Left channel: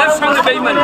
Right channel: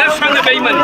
এর সঙ্গে বেইমানি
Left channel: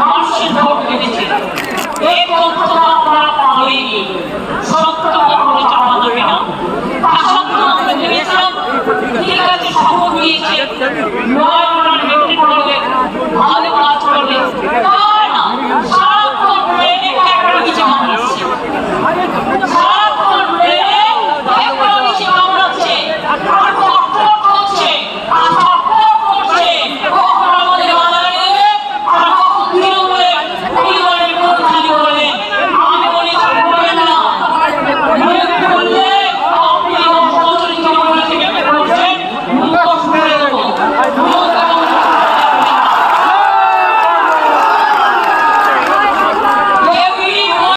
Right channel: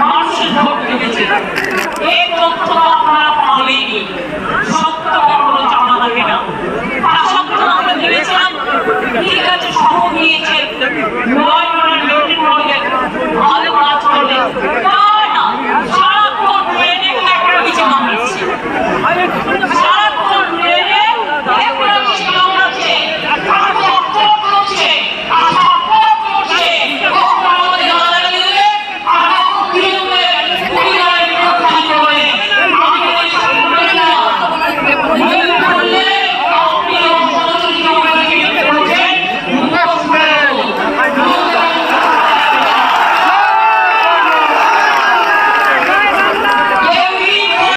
মানুষের ভোট পেয়েছে। এই তথ্য আপনারা পাবেনই, সত্য কখনো চাপা থাকে না। তা সত্ত্বেও আমরা ভেবেছিলাম ঠিক আছে, শপথ নিয়েছে, নয় ওনার মেনটেন করবেন, ভালো কাজ করবে। না, সারাক্ষণ ব্রেনে একটা কিছু কামড়াচ্ছে, সারা